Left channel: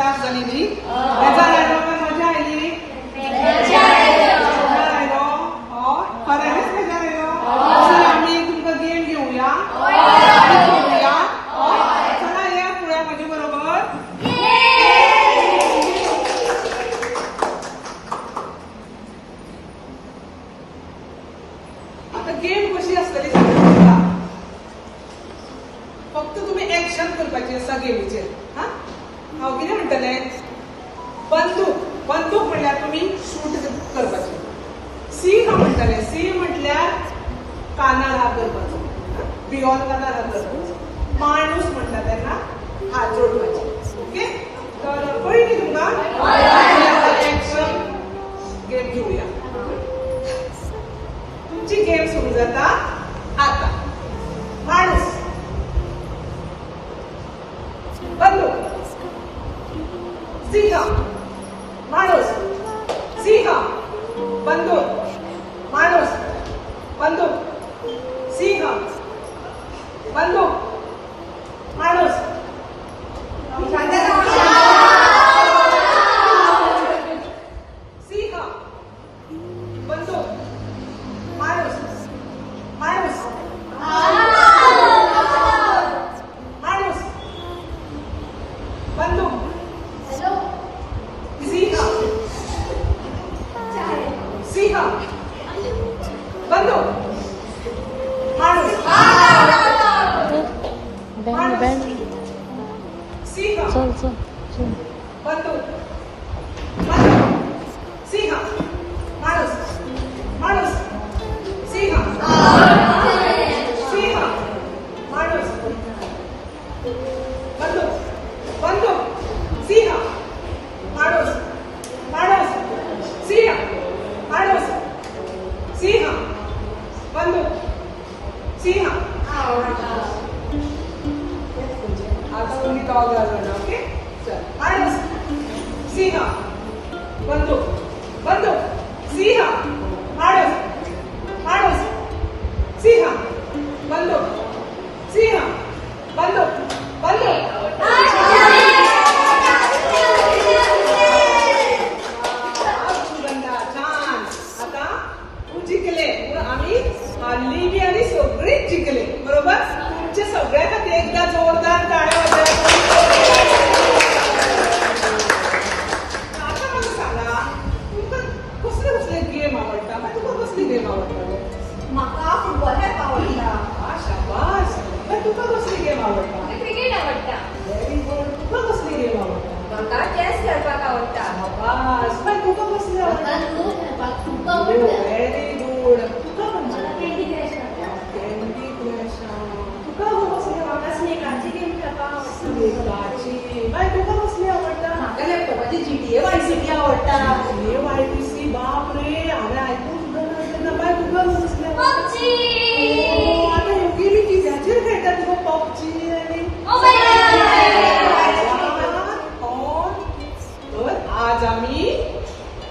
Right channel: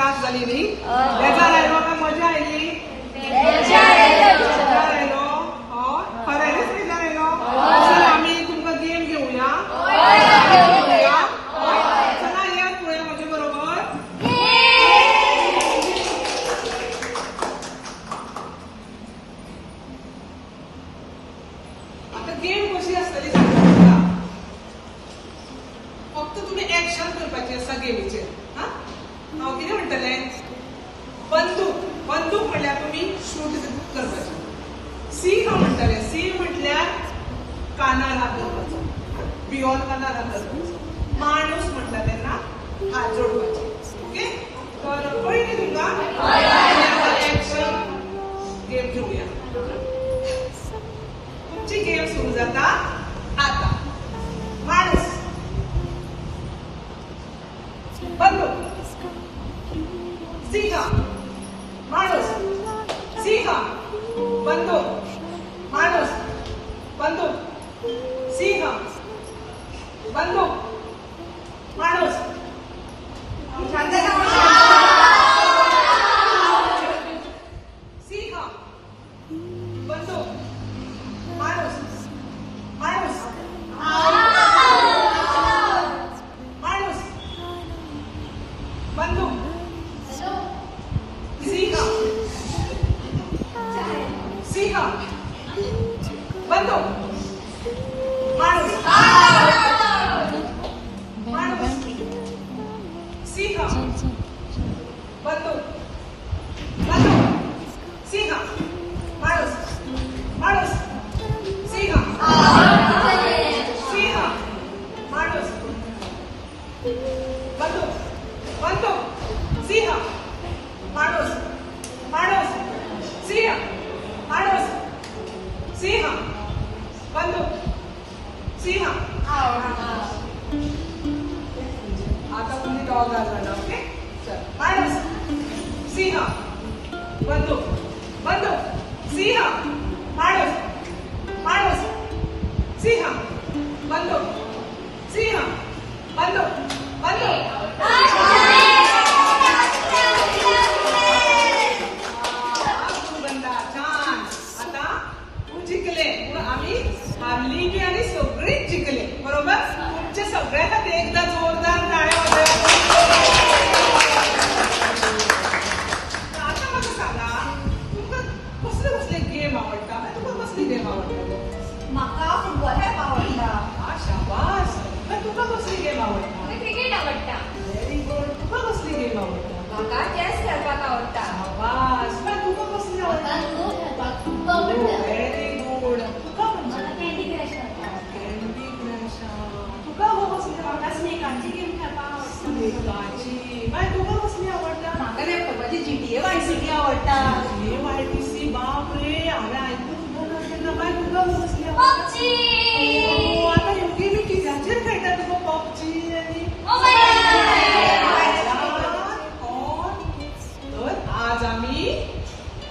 class जाली न्ही मजा आयलो काय मजा आयली खऱ्यानच मजा आयलो आम्ही तुमकां गेम घेवया खेळुया चला या फुडें म्हजे बरोबर आता गेम कशी आसतली सांगता फक्त तुम्ही एक्शन करपाची आसा गेमीचेर हांव कितें म्हणटलें बंदूक म्हणल्यार तुम्ही शूट करपाची सी हांव म्हणटलें सी म्हटल्यार कानार हात धरपाचो बियॉन्ड कानार हात धरपाचो माणूस म्हणटा तेन्ना हात जोडपाचे ओके तर पळयली तुमकां एक्शन गेम घेवया तुमची गेम सुरू जाता आता माणूस बंदूक सिंह माणूस सिंह बंदूक माणूस बंदूक सिंह बंदूक माणूस सिंह बंदूक माणूस माणूस माणूस बंदूक सिंह सिंह बंदूक माणूस सिंह बंदूक सिंह माणूस माणूस सिंह सिंह माणूस बंदूक बंदूक सिंह माणूस माणूस सिंह माणूस सिंह बंदूक सिंह आता तुम्ही डॉग आला ओके माणूस सिंह बंदूक बंदूक सिंह माणूस माणूस सिंह बंदूक सिंह बंदूक बंदूक आता जिंकले आम्ही हारली बी आणि सगळेच जिंकले बरोबर तुमच्या सगळ्या खातीर एकदा जोरदार टाळ्या आता मला सांगा तुमकां कसले कसले गेम आवडटा तुका कसली गेम आवडटा म्हाका फुटबॉल खेळपाक आवडटा शाबास पण तुका कसली गेम आवडटा क्रिकेट आवडटा व्हेरी गुड तुका कसली गेम आवडटा म्हाका चॅस खेळपाक आवडटा शाबास पण तुका कसली आवडटा लुडो खेळपाक खूब आवडटा व्हेरी गुड तुका मला कँडी क्रश आवडटा तुका कसली म्हाका स्नेकाची गेम खेळपाक आवडटा स्नेकाची बाय तुका कसली आवडटा म्हाका लॅपटॉपाची GTA वाय सिटी आवडटा YPC बाप रे हांवें आयकून सुद्दां नासलें बाय तुका कसली पबजी आता ह्यो गेमी कित्याचेर खेळटा तुका पबजी आनी तर आज आमी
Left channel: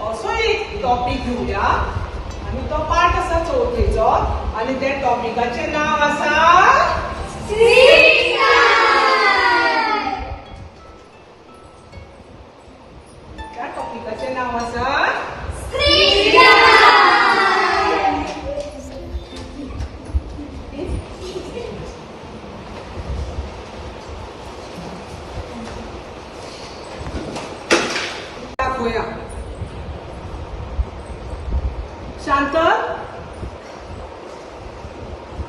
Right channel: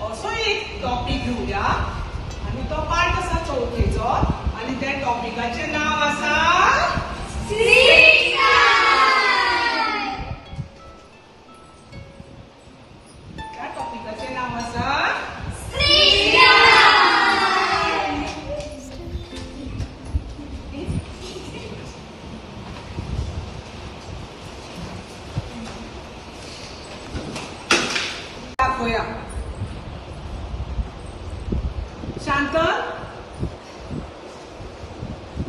असो एक टॉपिक घेवया आनी तो पाठ आसा चवथेचो आनी त्या टॉपिकाचें नांव आसा त्या टॉपिकाचें नांव आसा दाखवया शांत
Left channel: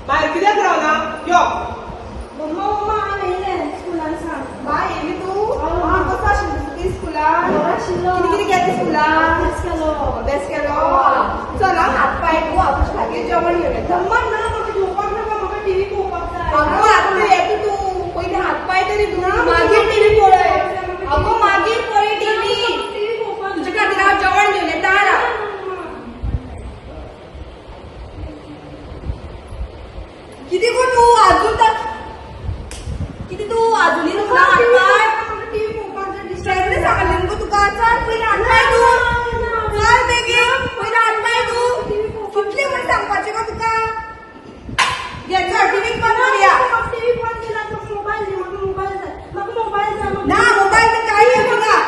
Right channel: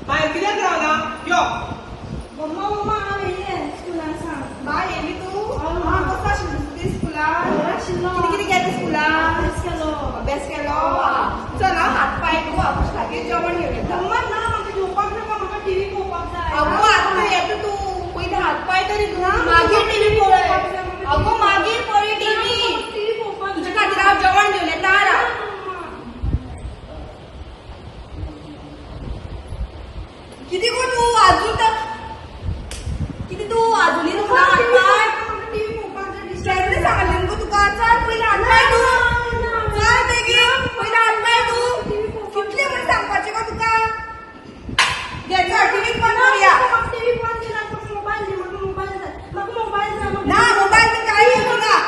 भायर कित्याक रावला यो मम्मा हांव येयलें स्कुलान सांग बाय येयली तूं कसा आशिल्ली स्कुलान कितें कितें केलें स्कुलान अभ्यास केलो चल हात पाय तूं हांव खातीर जेवण घेवन येता मम्मा ना म्हाका जेवपाक नाका म्हाका टीव्ही पळोवपाक जाय आगो आतां येता तूं पयलीं हात पाय तरी धुना मागीर टीव्ही पळय आगो मागीर पळय टीव्ही तुजे खातीर हांव जेवण घेवन येता किती कोण तू अजून किती तू अजूनही तुला हातपाय टीव्ही पळोवपाक दिसता सांगलें गो तुका चल पयलीं हातपाय तूं चल बेगीन पयलीं हातपाय तूं कितलें म्हण सांगपाचें गो तुका घे चल टीव्ही बंद करुया टीव्ही बंद केला तो मोबाईल दे म्हाका मोबाईल जाय ना मोबाईल कांय येना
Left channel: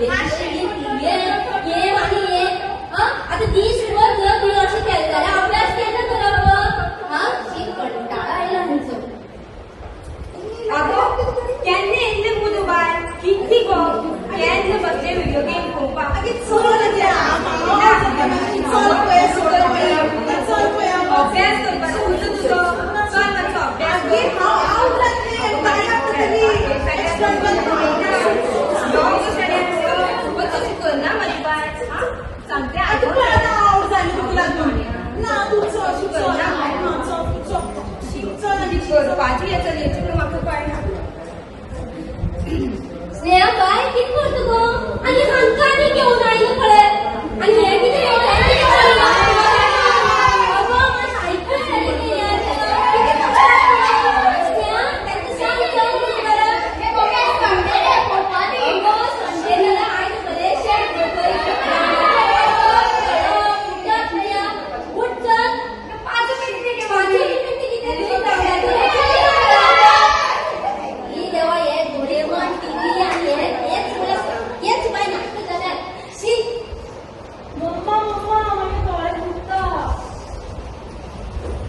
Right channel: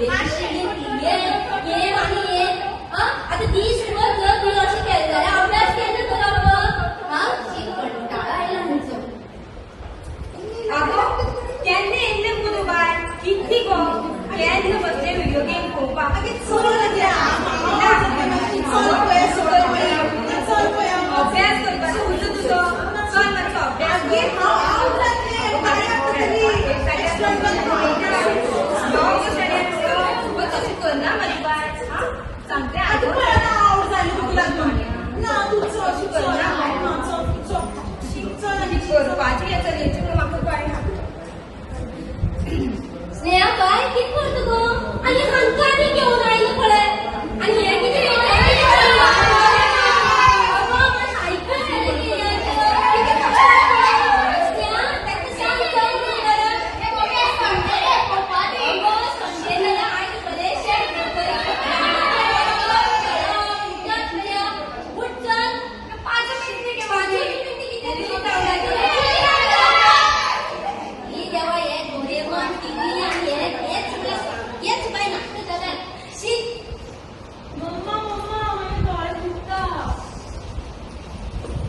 आता दिसभर तुला तुला असं केलं अभ्यास केला तुला मग हा कंटाळा आला तुझं केन्ना येयल्ले मुगो बाय कितली गो केन्ना बसले व्हिडिओ गेम पळोवपाक अभ्यास करपाचो उरलो तुजो चल मातसो अभ्यास करना मरे बाय सांगते करपाची आसा हेची म्हाका कळना स्नेहा बाय किती करतो गो आणि हांका आनी घेऊन आयलो पळय आणि हे किती घेऊन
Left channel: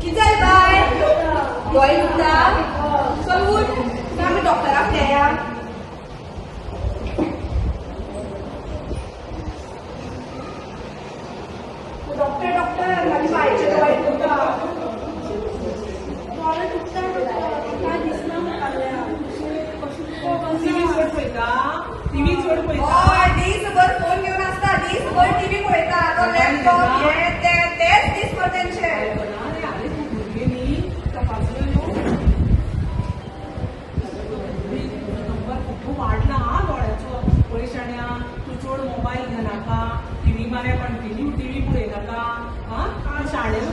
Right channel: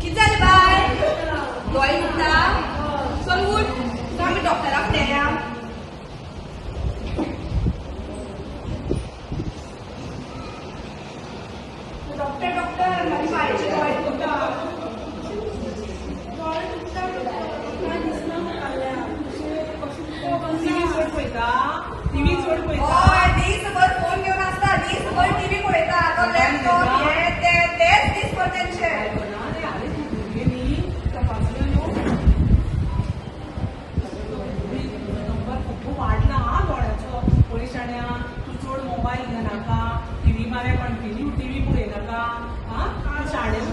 किती जालें बाय दोळे दुखता चल उठ तुका आमी डॉक्टराक व्हरया डॉक्टर माझे बायचे दोळे दुखता दोळे दुखता काय दिसना टीव्ही चड पळयता टीव्ही चड पळयता हय दीसभर फोन घेवन आसता दीसभर टीव्ही पळयता तो लॅपटॉप हे तेच दीसभर तेंचे खूप वाढला हा डोळ्याचो पयशाण्या तू चड मोबायल घेनाका टीव्ही मारे कंटिन्यू टीव्ही पळयनाका हा शाळेन